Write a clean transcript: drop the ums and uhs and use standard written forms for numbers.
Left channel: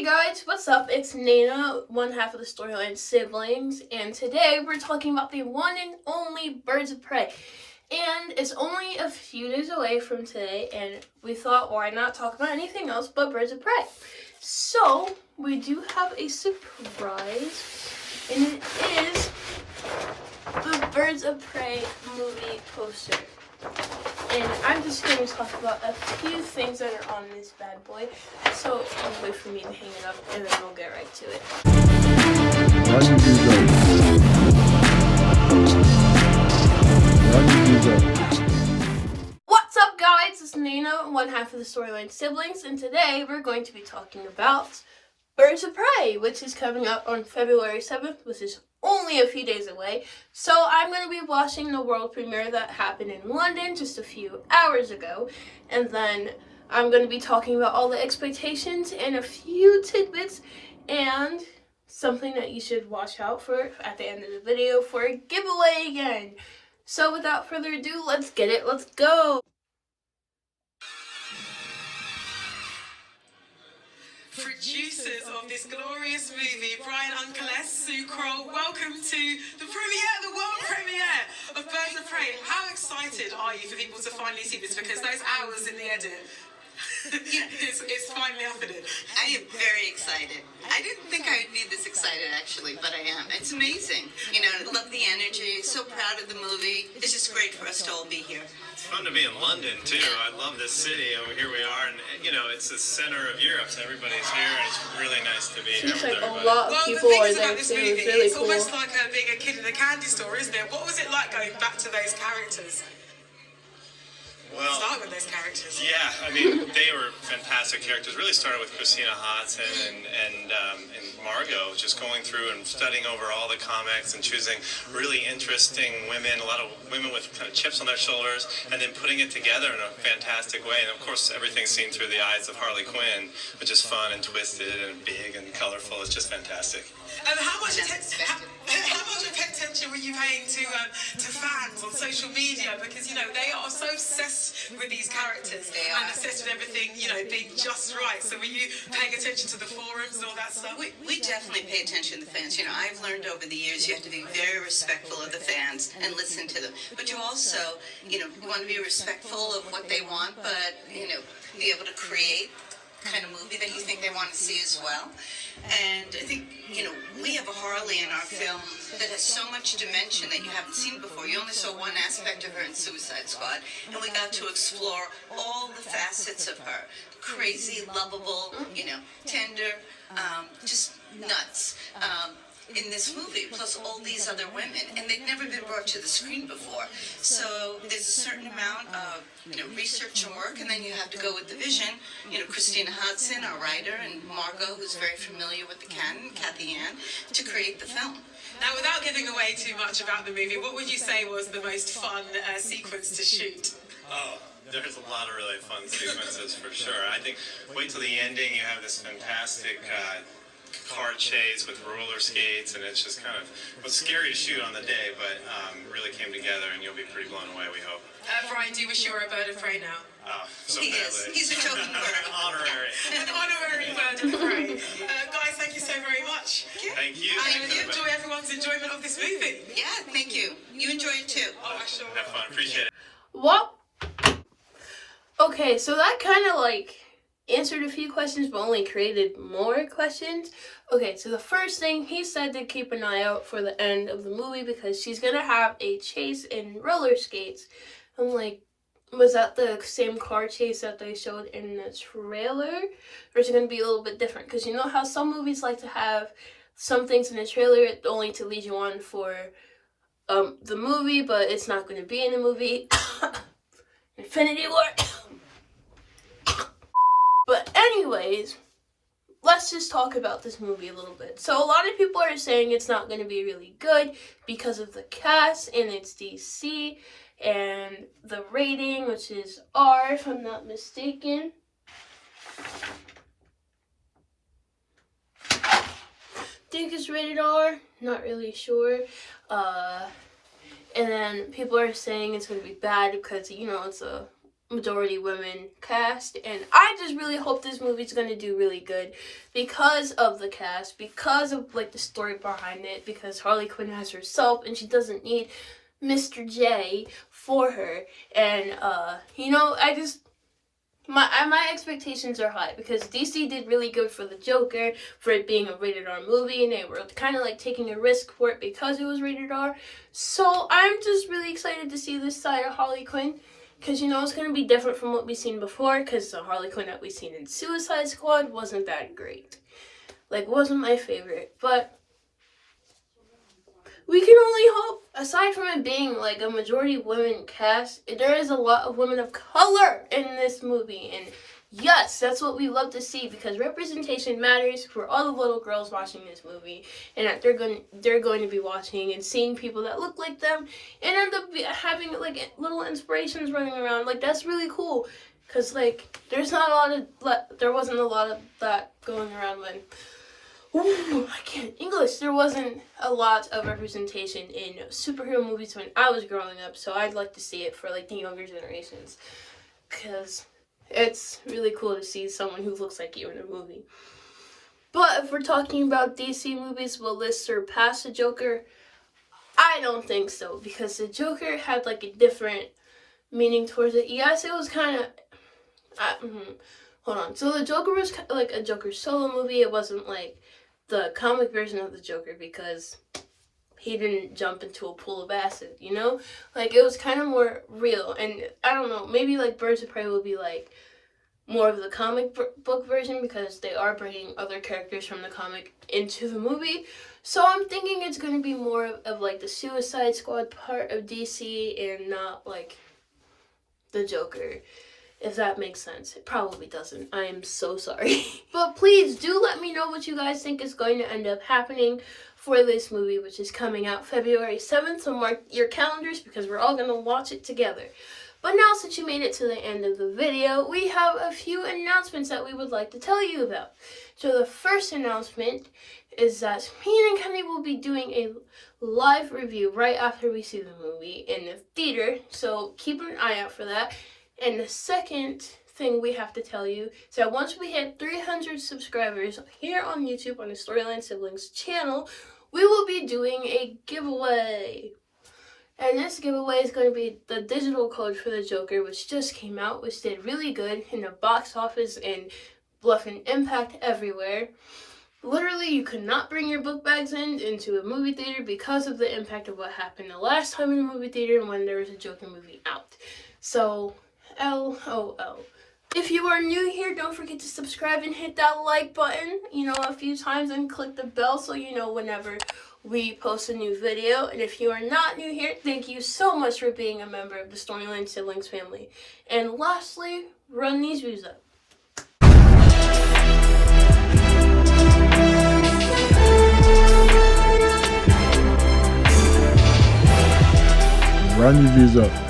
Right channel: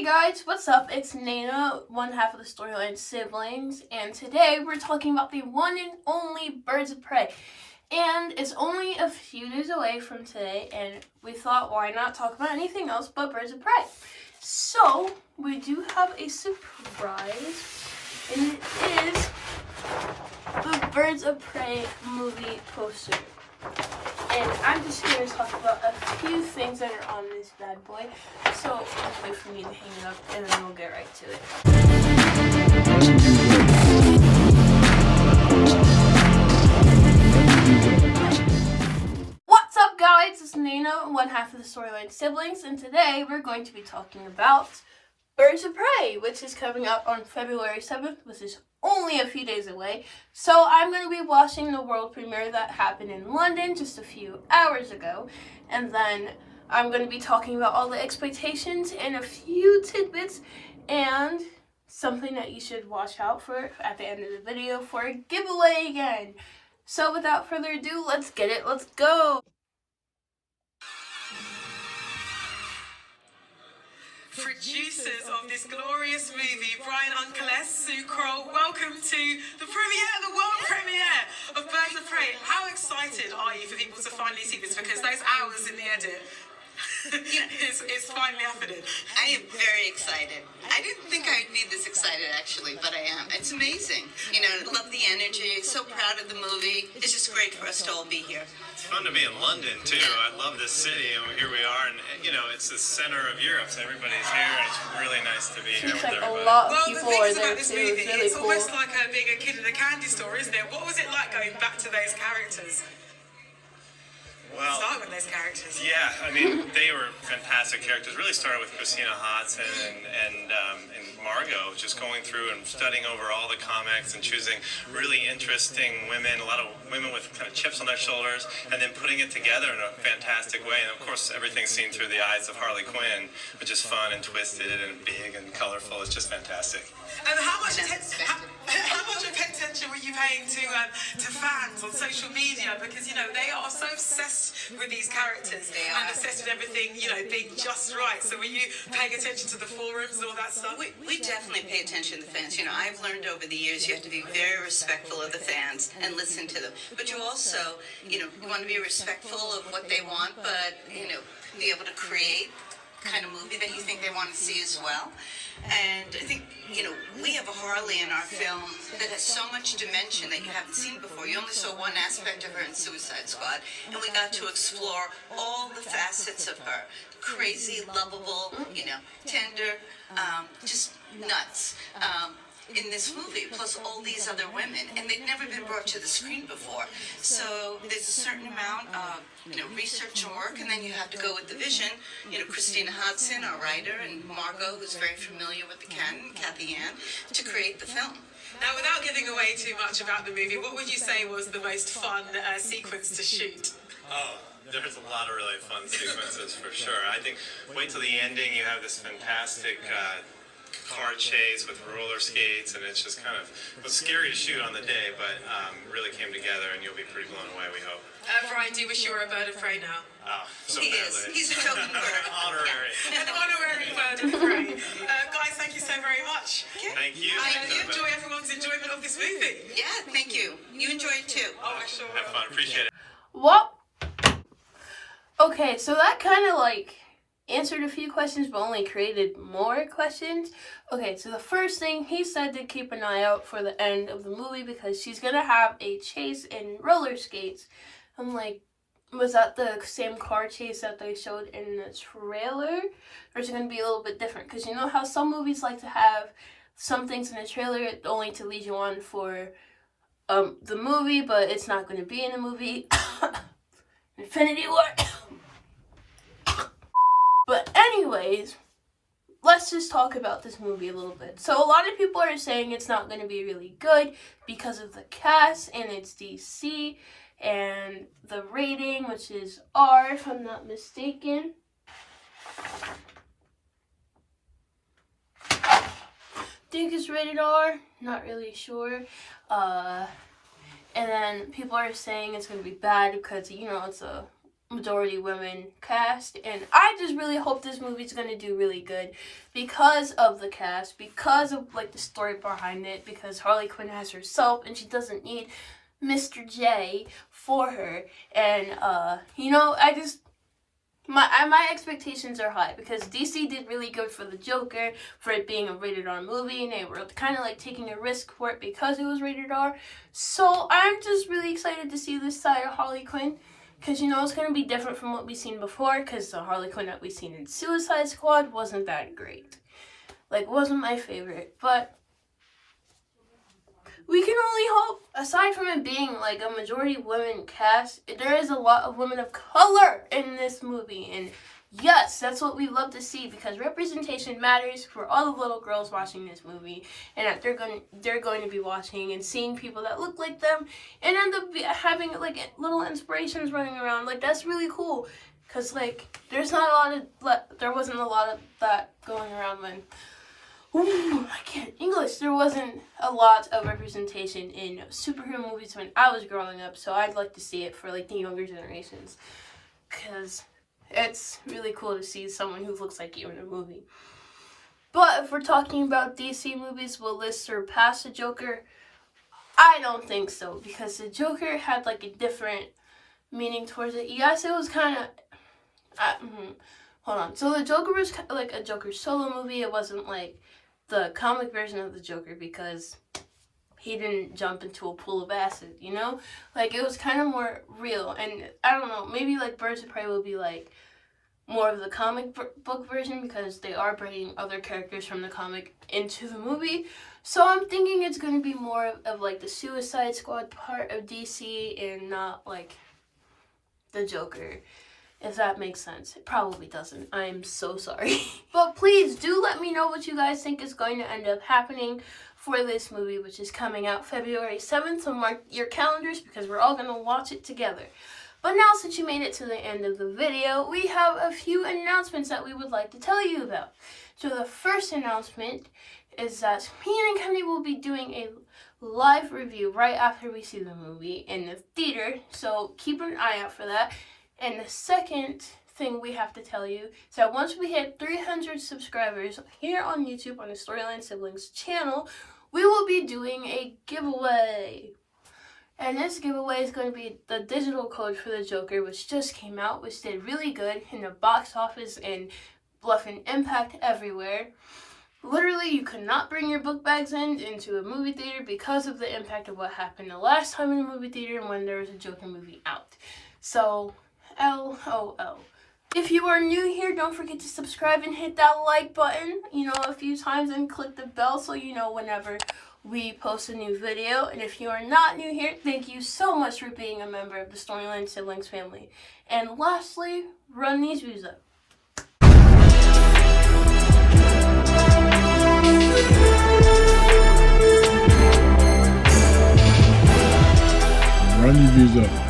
Hey guys, what's up? It's Nana, one half of the Storyline Siblings, and today we're talking about the one and only Birds of Prey. And it's only a few days away from today, and we thought, why not talk about anything else but Birds of Prey? So, we do have a surprise, and it is the Birds of Prey movie poster. And I'm just here to talk about a few things that are on this bad boy. So wait for me to hang it up and then we'll get right to it. What's up guys? It's Nana, one half of the Storyline Siblings, and today we're going to be talking about Birds of Prey, which is coming out on February 7th, which is only a few days away. So I'm going to be watching the world premiere that happened in London just a few hours ago, and then I'm going to be talking about all the expectations and a few tidbits and something that you should watch out for at the end of the video for a giveaway again. So without further ado, let's get it. Let's go. Producers of this glorious movie, Brian Uncle S, Sue Kroll, welcome to the premiere, the world premiere of Birds of Prey. How excited are you for people to finally see this? Because those hours in the edit, it's finally happening. I am very excited. I didn't think I'd be this excited, actually, but I am. It's amazing. You know, love the energy, so proud of the movie. It's just great for us to all be here. It's fun to be in London, too. I love this city, and here we are, and, you know, it's the center of Europe, so everybody's here, and it's really nice to be here with everybody. A lot of people are there, too. Movie, it's really it's cool. almost like being a kid in a candy store, isn't it? What was it like going back to those characters? Well, start with those characters. Yeah, I mean, they were fantastic characters. Really started with Christina Hodson and Margot, just going through and studying over all the comics and choosing really interesting women, a lot of women with kind of chips on their shoulders, and then putting it together in a fantastic way. And of course, everything's seen through the eyes of Harley Quinn, which is fun and twisted and big and colorful. It's just fantastic. And how much attention were you paying to fans on social media? Because, you know, they are so obsessed with these characters and obsessed with everything, you know, being just right. So were you paying attention to the forums and all that stuff? We definitely pay attention to the fans. You know, I've learned over the years you have to be very respectful of the fans and listen to them. But you also, you know, you want to be respectful of what they want, but, you know, be able to create kind of movie that you think they want to see as well. And I think, you know, we have a Harley in our film that has so much dimension that you haven't seen before. You only saw one aspect of her in Suicide Squad, and we got to explore all the facets of her. Crazy, lovable, you know, tender, just nuts. In this movie, plus all these other women, and they've never been brought to the screen before. So there's a certain amount of, you know, research and work, and then you have to go with the vision. You know, Christina Hodson, our writer, and Margot, who's very familiar with the canon, Kathy Ann, to create the film. Now, without giving away too much about the movie, what would you say was the most fun sequence to shoot? Oh, there's a lot of really fun sequences for sure. I think, wait till the ending, you have this fantastic car chase with roller skates, and it's just kind of, it was scary to shoot on the day, but really came together, and you'll be pretty blown away, we hope. Brian, do you wish you were a Bird of Prey now? Oh, so He is. badly. He's a token bird. Honorary. An honorary Bird of Prey. Guys, thank you so very much. Thank you. And you enjoy everyone's enjoyment of this movie. Yeah, thank you. You enjoy it too. Oh, I sure Have fun. Appreciate it. Well, okay, so that kind of like answered a few questions but only created more questions. Okay, so the first thing he said to keep an eye out for the end of the movie because she's gonna have a chase in roller skates. I'm like, was that the same car chase that they showed in the trailer, or is it gonna be a little bit different? Because you know how some movies like to have some things in the trailer only to lead you on for the movie, but it's not gonna be in the movie. Infinity War. But anyways, let's just talk about this movie a little bit. So a lot of people are saying it's not going to be really good because of the cast and it's DC and the rating, which is R if I'm not mistaken. I think it's rated R, not really sure. And then people are saying it's going to be bad because, you know, it's a majority women cast, and I just really hope this movie's gonna do really good because of the cast, because of like the story behind it, because Harley Quinn has herself and she doesn't need Mr. J for her. And you know, my expectations are high because DC did really good for the Joker, for it being a rated R movie, and they were kind of like taking a risk for it because it was rated R. So I'm just really excited to see this side of Harley Quinn, because you know it's going to be different from what we've seen before, because the Harley Quinn that we've seen in Suicide Squad wasn't that great. Like, wasn't my favorite, but we can only hope, aside from it being like a majority women cast, there is a lot of women of color in this movie. And yes, that's what we love to see, because representation matters for all the little girls watching this movie, and that they're going to be watching and seeing people that look like them and end up having like little inspirations running around. Like, that's really cool, because like there wasn't a lot of that going around when I can't English. There wasn't a lot of representation in superhero movies when I was growing up, so I'd like to see it for like the younger generations, because it's really cool to see someone who looks like you in a movie. But if we're talking about DC movies, will this surpass the Joker? I don't think so, because the Joker had like a different meaning towards it. Yes, it was kind of hold on. So the Joker was like a Joker solo movie. It wasn't like the comic version of the Joker, because he didn't jump into a pool of acid, you know? Like, it was kind of more real. And I don't know, maybe like Birds of Prey will be like more of the comic book version, because they are bringing other characters from the comic into the movie. So I'm thinking it's going to be more of like the Suicide Squad part of DC and not like the Joker. If that makes sense. It probably doesn't. I am so sorry. But please do let me know what you guys think is going to end up happening for this movie, which is coming out February 7th. So mark your calendars, because we're all going to watch it together. But now, since you made it to the end of the video, we have a few announcements that we would like to tell you about. So the first announcement is that me and Kenny will be doing a live review right after we see the movie in the theater. So keep an eye out for that. And the second thing we have to tell you is that once we hit 300 subscribers here on YouTube on the Storyline Siblings channel, we will be doing a giveaway. And this giveaway is going to be the digital code for the Joker, which just came out, which did really good in the box office and left an impact everywhere. Literally, you could not bring your book bags into a movie theater because of the impact of what happened the last time in a movie theater when there was a Joker movie out. So, LOL. If you are new here, don't forget to subscribe and hit that like button, a few times, and click the bell so you know whenever we post a new video. And if you are not new here, thank you so much for being a member of the Storyline Siblings family. And lastly, run these views up. Run your views up.